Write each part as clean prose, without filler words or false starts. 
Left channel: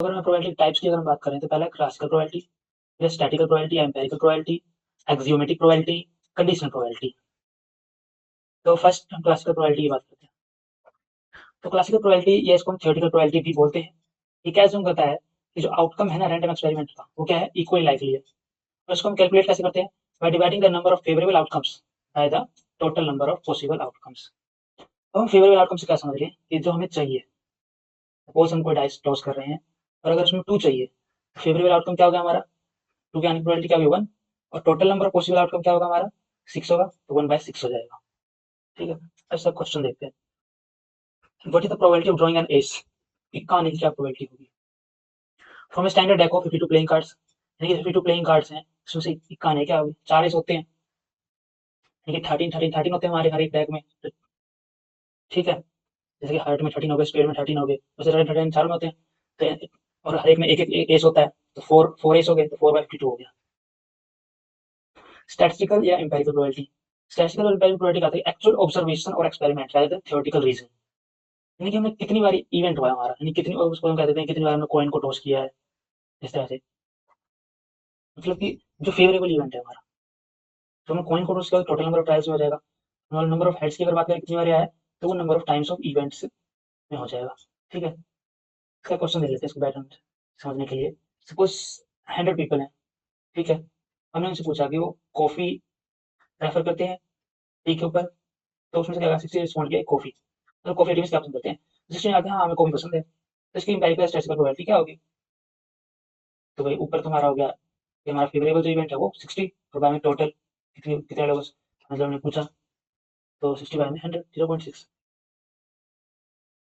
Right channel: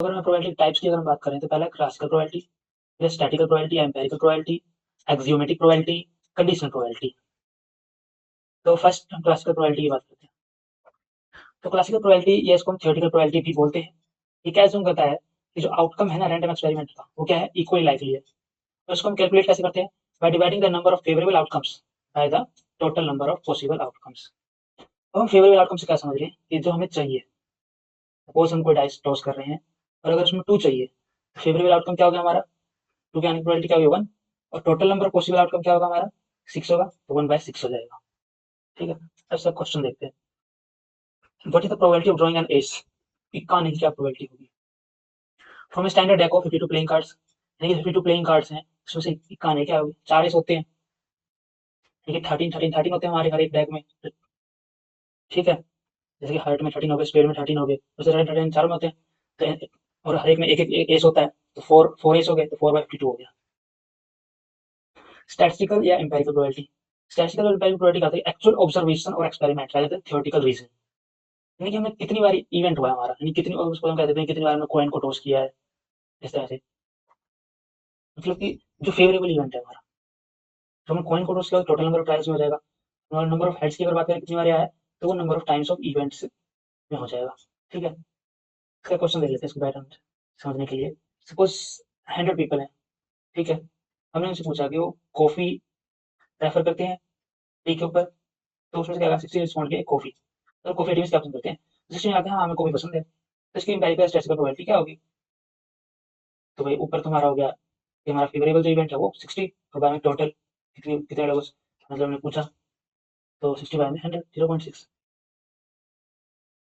अगर मैं probability types की अगर हम बात करें तो पहला क्लासिकल प्रोबेबिलिटी, फिर statistical probability, empirical probability, axiomatic probability, conditional probability. तो फर्स्ट हम क्लासिकल प्रोबेबिलिटी की बात करते हैं। तो क्लासिकल प्रोबेबिलिटी या इसको हम थ्योरेटिकल प्रोबेबिलिटी भी बोलते हैं। ये क्या अज्यूम करता है कि जो आउटकम है ना रैंडम एक्सपेरिमेंट का वो क्या है, इक्वली लाइकली है। तो इसको हम कैलकुलेट कैसे करते हैं, by dividing the number of favourable outcomes by the total number of possible outcomes. अब हम फेवरेबल आउटकम से क्या समझ रहे हैं कि जो हमें चाहिए, सपोज हम कोई डाइस टॉस कर रहे हैं और अगर उसमें 2 चाहिए, तो फेवरेबल आउटकम क्या हो गया हमारा, 2 की आने की प्रोबेबिलिटी क्या होगी 1, और total number of possible outcome क्या होगा हमारा 6 होगा, तो 1/6 हो जाएगा। ठीक है। अब सब क्वेश्चन देखते हैं। What is the probability of drawing an ace, इक्का आने की क्या प्रोबेबिलिटी होगी। From a standard deck of 52 playing cards, यानी कि 52 प्लेइंग कार्ड्स हैं, उसमें से इक्का आने क्या होगी, 4 एस होते हैं, यानी कि 13 होते हैं हमारे हर एक डेक में। तो ठीक है, जैसे कि हार्ट में 13 हो गए, स्पेड में 13 हो गए, वैसे 13 चारों में होते हैं। तो और हर एक में एक एस होता है, तो 4 एस हो गए, तो 4/52 हो गया। स्टैटिस्टिकल या एम्पिरिकल प्रोबेबिलिटी, स्टैटिस्टिकल और एम्पिरिकल प्रोबेबिलिटी कहते हैं एक्चुअल ऑब्जर्वेशन और experiment rather than theoretical reason, यानी कि हमने कितनी बार इवेंट हुआ है हमारा, यानी कितनी, और उसको हम कह देते हैं कितनी बार हमने कॉइन को टॉस किया है, इस तरह से। मतलब कि जो फेवरेबल इवेंट है हमारा, तो हमने कॉइन को टॉस किया तो टोटल नंबर ऑफ ट्रायल्स में हो जाएगा। नंबर ऑफ हेड्स की अगर बात करें कितनी बार आया है, तो वो number of times of events में हो जाएगा। ठीक है। इसका क्वेश्चन देख लेते हैं इसको बैटर्न समझने के लिए। सपोज 100 पीपल हैं, ठीक है। हमने उनसे पूछा कि वो कॉफी प्रेफर करते हैं टी के ऊपर, तो उसमें से क्या 60 रिस्पॉन्ड किया कॉफी, तो कॉफी टी में क्या पसंद करते हैं, 60 आते हैं हाँ हमें कॉफी पसंद है, तो इसकी एम्पिरिकल स्टैटिस्टिकल प्रोबेबिलिटी क्या होगी। तो भाई ऊपर तुम्हारा हो गया कि हमारा फेवरेबल जो इवेंट है वो 60, और बाद में टोटल कितने कितने लोगों से मतलब हमने पूछा, तो 60 बाय में 100, 0.6।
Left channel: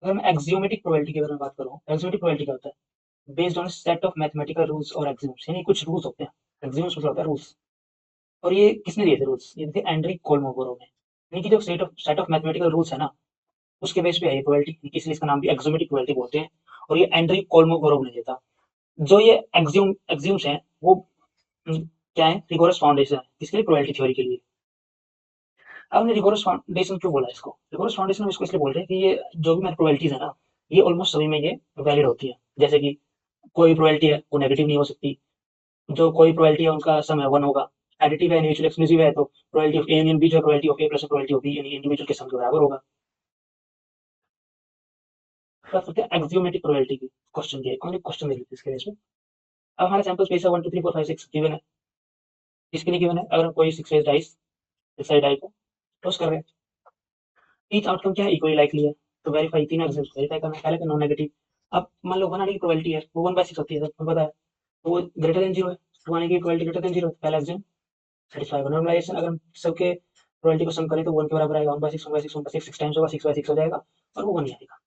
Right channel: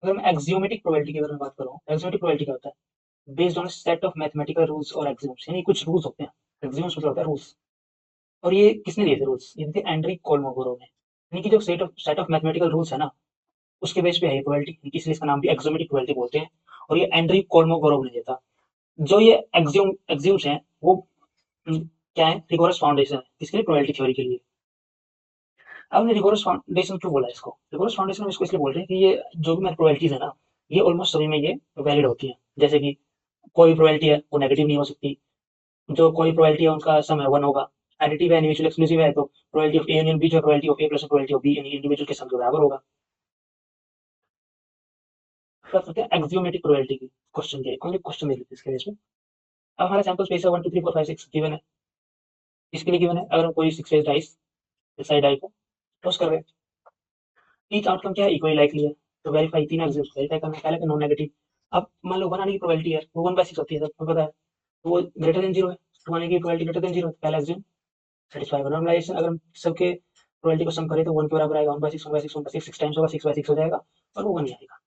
अगर मैं एक्सियोमेटिक प्रोबेबिलिटी की अगर मैं बात करूँ, एक्सियोमेटिक प्रोबेबिलिटी क्या होता है, based on set of mathematical rules और एक्सियोम्स, यानी कुछ रूल्स होते हैं, एक्सियोम्स मतलब होता है रूल्स। और ये किसने दिए थे रूल्स, ये थे एंड्री कोलमोगोरोव ने, यानी कि जो सेट ऑफ मैथमेटिकल रूल्स है ना, उसके बेस पे है ये प्रोबेबिलिटी, इसलिए इसका नाम भी एक्सियोमेटिक प्रोबेबिलिटी बोलते हैं। और ये एंड्री कोलमोगोरोव ने दिया था। जो ये एक्सियोम्स हैं वो क्या है, रिगोरस फाउंडेशन है किसके लिए, प्रोबेबिलिटी थ्योरी के लिए। अब हमने रिगोरस फाउंडेशन क्यों बोला इसको, रिगोरस फाउंडेशन हम इसको इसलिए बोल रहे हैं कि ये जो भी मैथ प्रोबेबिलिटीज है ना, ये ऑलमोस्ट सभी में ये वैलिड होती है। जैसे कि कोई प्रोबेबिलिटी है वो नेगेटिव नहीं हो सकती, जो कोई प्रोबेबिलिटी है उनका सम है 1 होगा, एडिटिव है, म्यूचुअल एक्सक्लूसिव है, तो probability of A union B जो probability of A plus probability of B यानी इंडिविजुअल के सम के बराबर होगा। फिर करते हैं एक्सियोमेटिक प्रोबेबिलिटी की, क्वेश्चन के कौन से क्वेश्चन देख लेते हैं इसके लिए इसमें। अब हमारा सैंपल स्पेस है 1 2 3 4 5 6 गिवन है, इसके लिए गिवन है अगर हम कोई 6 फेस डाइस इस साइड डाई को टॉस कर रहे हैं, ईच आउटकम क्या है, इक्वली लाइकली है, तो वेरीफाई तीन एग्जिम्स वेरीफाई करना है, पहले नॉन नेगेटिव। अब मान लो 1 आने की प्रोबेबिलिटी है वो 1/6 होती है, तो तुम्हें पता है, तो वो ग्रेटर देन 0 है, 2 आने की प्रोबेबिलिटी ग्रेटर देन 0, पहला एग्जिम सेटिस्फाई होगा। नॉर्मलाइजेशन अगर हम सबके प्रोबेबिलिटी को सम करें तो 1 के बराबर आएगा, 1/6 1/6 1/6 6 टाइम्स होगा, 6/6 हो जाएगा, और वो 1 ही आएगा।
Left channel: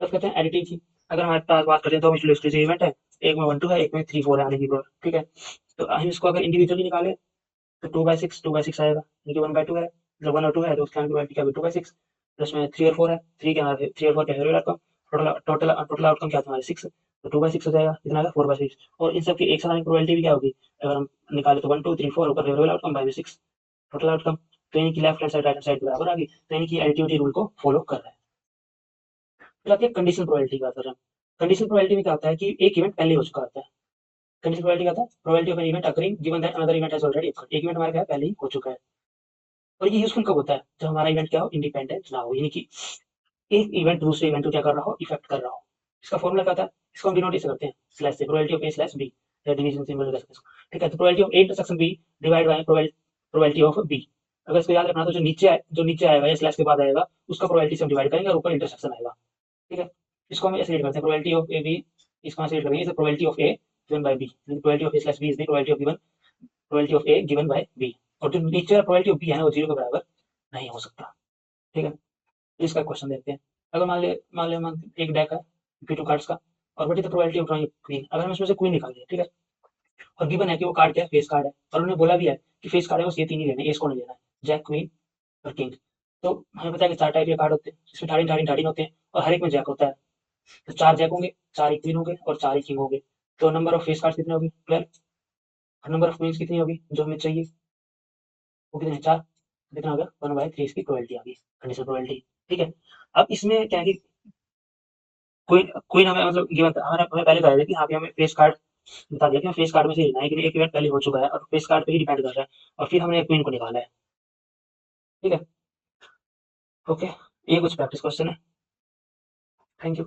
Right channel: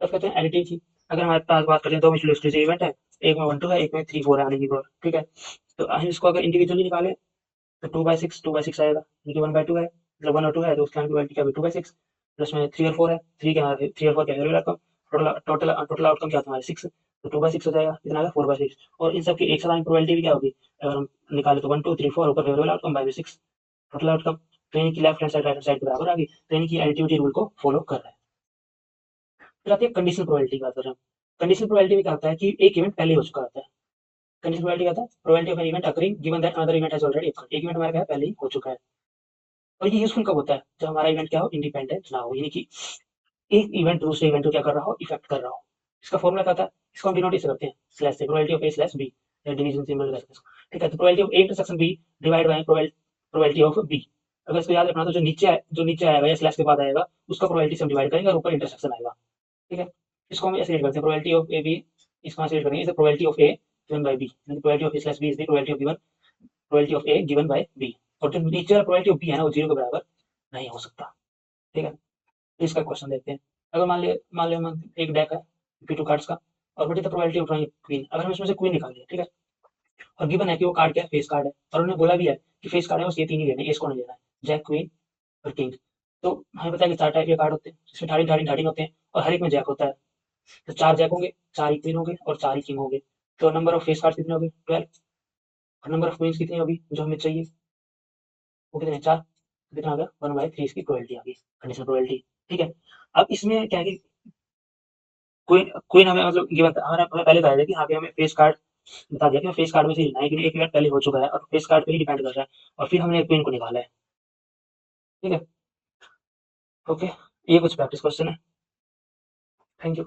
तब कहते हैं एडिटिव की, अगर हमारे पास बात करें दो म्यूचुअल एक्सक्लूसिव इवेंट है, एक में 1 2 है, एक में 3 4 है आने की प्रोबेबिलिटी, ठीक है। तो हम इसको अगर इंडिविजुअली निकालें तो 2/6 आएगा, यानी कि 1/2 है, जब 1 और 2 है तो उसकी प्रोबेबिलिटी क्या होगी 2/6, प्लस में 3 और 4 है, 3 और 4 क्या है आउटकम, टोटल आउटकम क्या तुम्हारा 6, तो 2/6 हो जाएगा, कितना आएगा 4/6। और इन सब की एक साथ आने की प्रोबेबिलिटी भी क्या होगी, अगर हम निकाले तो 1 2 3 4 ऊपर favourable outcome by 6 total outcome, तो यानी कि left hand side right hand side के बराबर आ गई, तो यानी कि एडिटिविटी रूल को फॉलो कर रहा है। फिर आती है कंडीशनल प्रोबेबिलिटी की बात कर रहे हैं। कंडीशनल प्रोबेबिलिटी में क्या होता है कि एक इवेंट पहले हो चुका होता है। कंडीशनल प्रोबेबिलिटी क्या होता है, probability of an event occurring given that another event has already occurred, एक इवेंट हमारा क्या है पहले ही हो चुका है। और ये यूजफुल कब होता है, जब हमारा इवेंट क्या हो, इंडिपेंडेंट ना हो, यानी कि एक इवेंट दूसरे इवेंट को क्या कर रहा हो, इफेक्ट कर रहा हो। इसका फॉर्मूला क्या होता है, इसको हम डिनोट ऐसे करते हैं स्लैश से, probability of A slash B, या डिवीजन सिंबल करते हैं। ठीक है, तो probability of A intersection B divide by probability of B. अगर इसको याद रखना तो जो नीचे आएगा या स्लैश के बाद आएगा उसका प्रोबेबिलिटी से हम डिवाइड करेंगे और ऊपर इंटरसेक्शन आएगा। ठीक है, इसको हम ऐसे रीड करते हैं, प्रोबेबिलिटी ऑफ ए बी, इसको ऐसे रीड करेंगे, इसे probability of A given by B, यानी probability of A slash B is the probability of given, probability of A given by B. और जो नीचे वाला प्रोबेबिलिटी ऑफ बी है ना वो 0 के बराबर नहीं हो सकता। ठीक है, इसका क्वेश्चन देखते हैं। अगर एक डेक है P2 कार्ड्स का, और what is the probability of drawing queen, अगर हम इसमें से क्वीन निकाल दें, ठीक है, और गिवन है कि वो कार्ड क्या है, फेस कार्ड है, और उन्होंने बोला भी है कि फेस कार्ड है बस ये तीन ही लेने, एस को नहीं लेना है, जैक क्वीन और किंग। तो हमें पता है कि 4 टाइप के कार्ड होते हैं, इसमें 13 होते हैं, और हर एक में जैक होता है, तो 4 जैक होंगे, 4 ही क्वीन होंगे, और 4 ही किंग होंगे। तो नंबर ऑफ फेस कार्ड कितने होंगे 12, और नंबर ऑफ क्वींस कितनी होगी जो हमें चाहिए, वो कितने 4, कितना हो गया 1/3 इसकी प्रोबेबिलिटी आ गई, कंडीशनल प्रोबेबिलिटी। ठीक है, अब इसमें क्या है कि क्वीन हमें मतलब गिवन था, हमें पहले बताया था कि यहाँ पे हमें फेस कार्ड बता दिया कि फेस कार्ड में से लेना है, कि एक इवेंट पहले हो चुका है और फेस कार्ड पे ही डिपेंड कर रहा है, और फिर हमने क्वीन को निकाला है। ठीक है, ओके, ये कुछ प्रैक्टिस क्वेश्चन है। Thank you.